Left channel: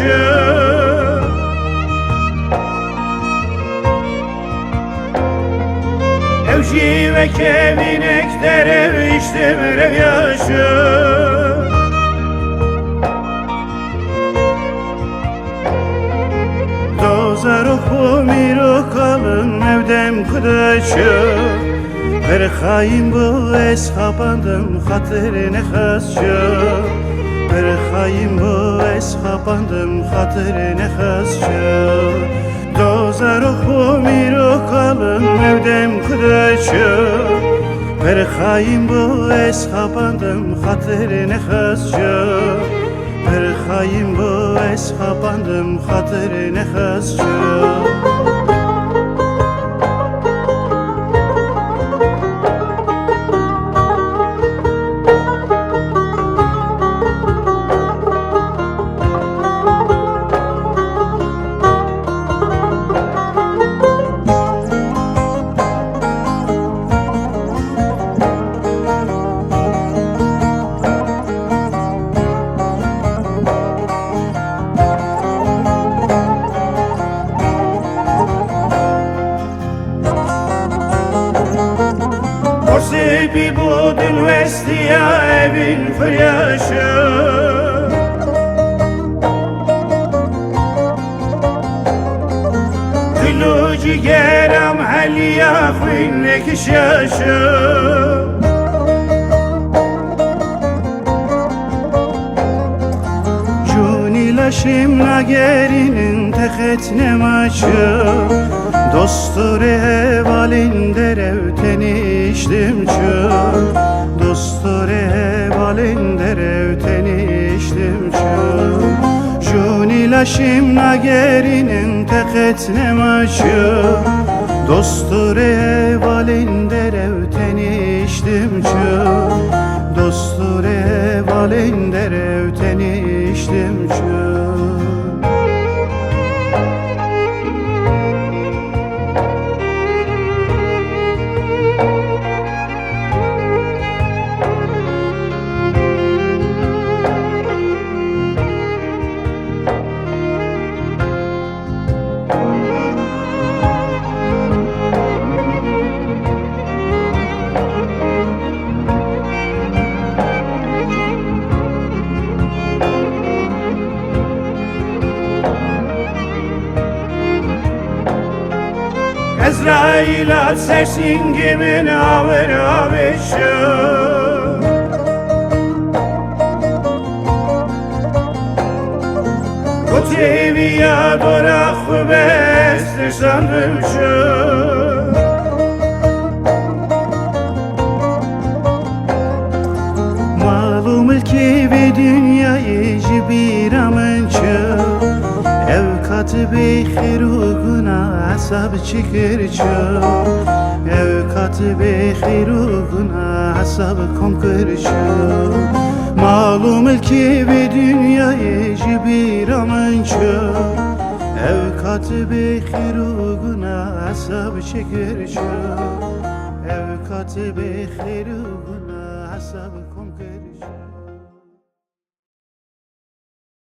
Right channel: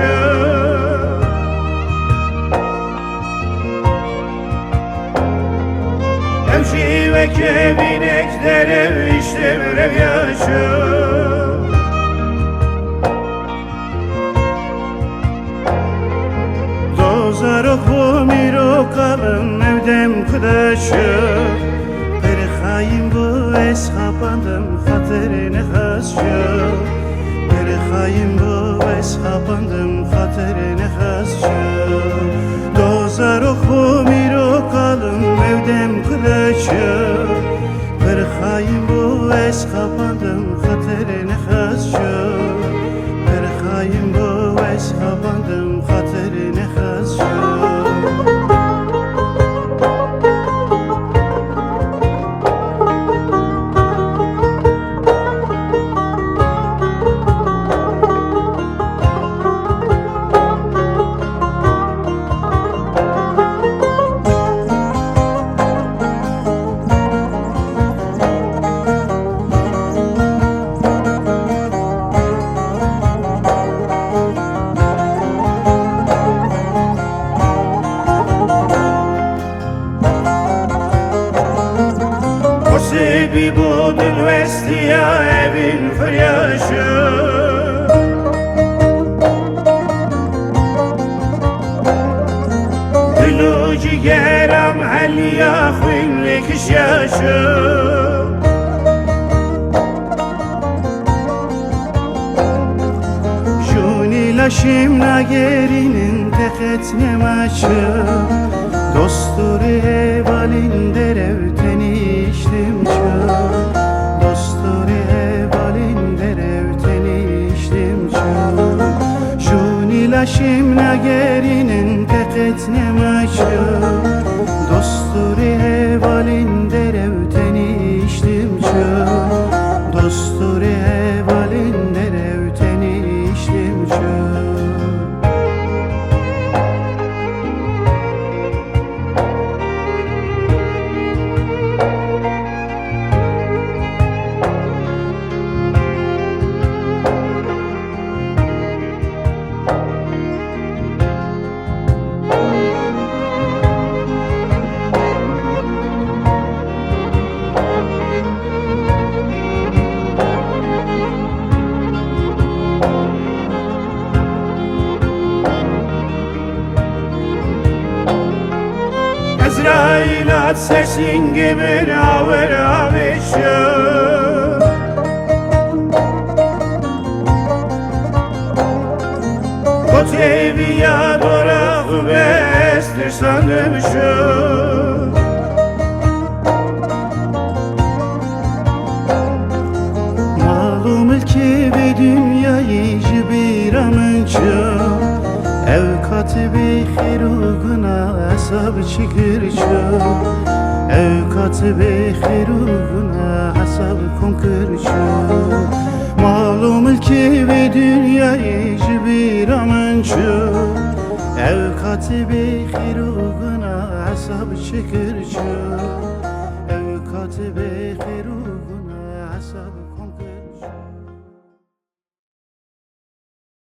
yaşı. Evci ve keminekler ev işte bir yaşı. Dozar oku bir okalım evdem kıdaşı. Her hain bu eshabandım hatırine hasça. Her hain bu eshabandım hatırine hasça. Dozar oku bir okalım evdem kıdaşı. Her hain bu eshabandım hatırine hasça. Her hain bu eshabandım hatırine hasça. Sebi budun vestiya evin fıryaşı. Dilu cigeram haliya khwinlik şaşı. Juni laşim nagerinin teketne maçı. Dostları hevalinde revteni içtim çö. Dostları hevalinde revteni içtim çö. Juni laşim nagerinin teketne maçı. Dostları hevalinde revteni içtim çö. Dostları hevalinde revteni içtim çö. Ezrail at sesin gibi avır avışı. Kutevi ya dorak bestir sanırşı. Malum ki ve dünyayı cibiramınçı. Ev katı-bi khiruguna asab çikirço. Ev katı-bi khiruguna asab konkirço. Malum ki ve dünyayı cibiramınço. Ev katı-bi khiruguna asab çikirço. Ev katı-bi khiruguna asab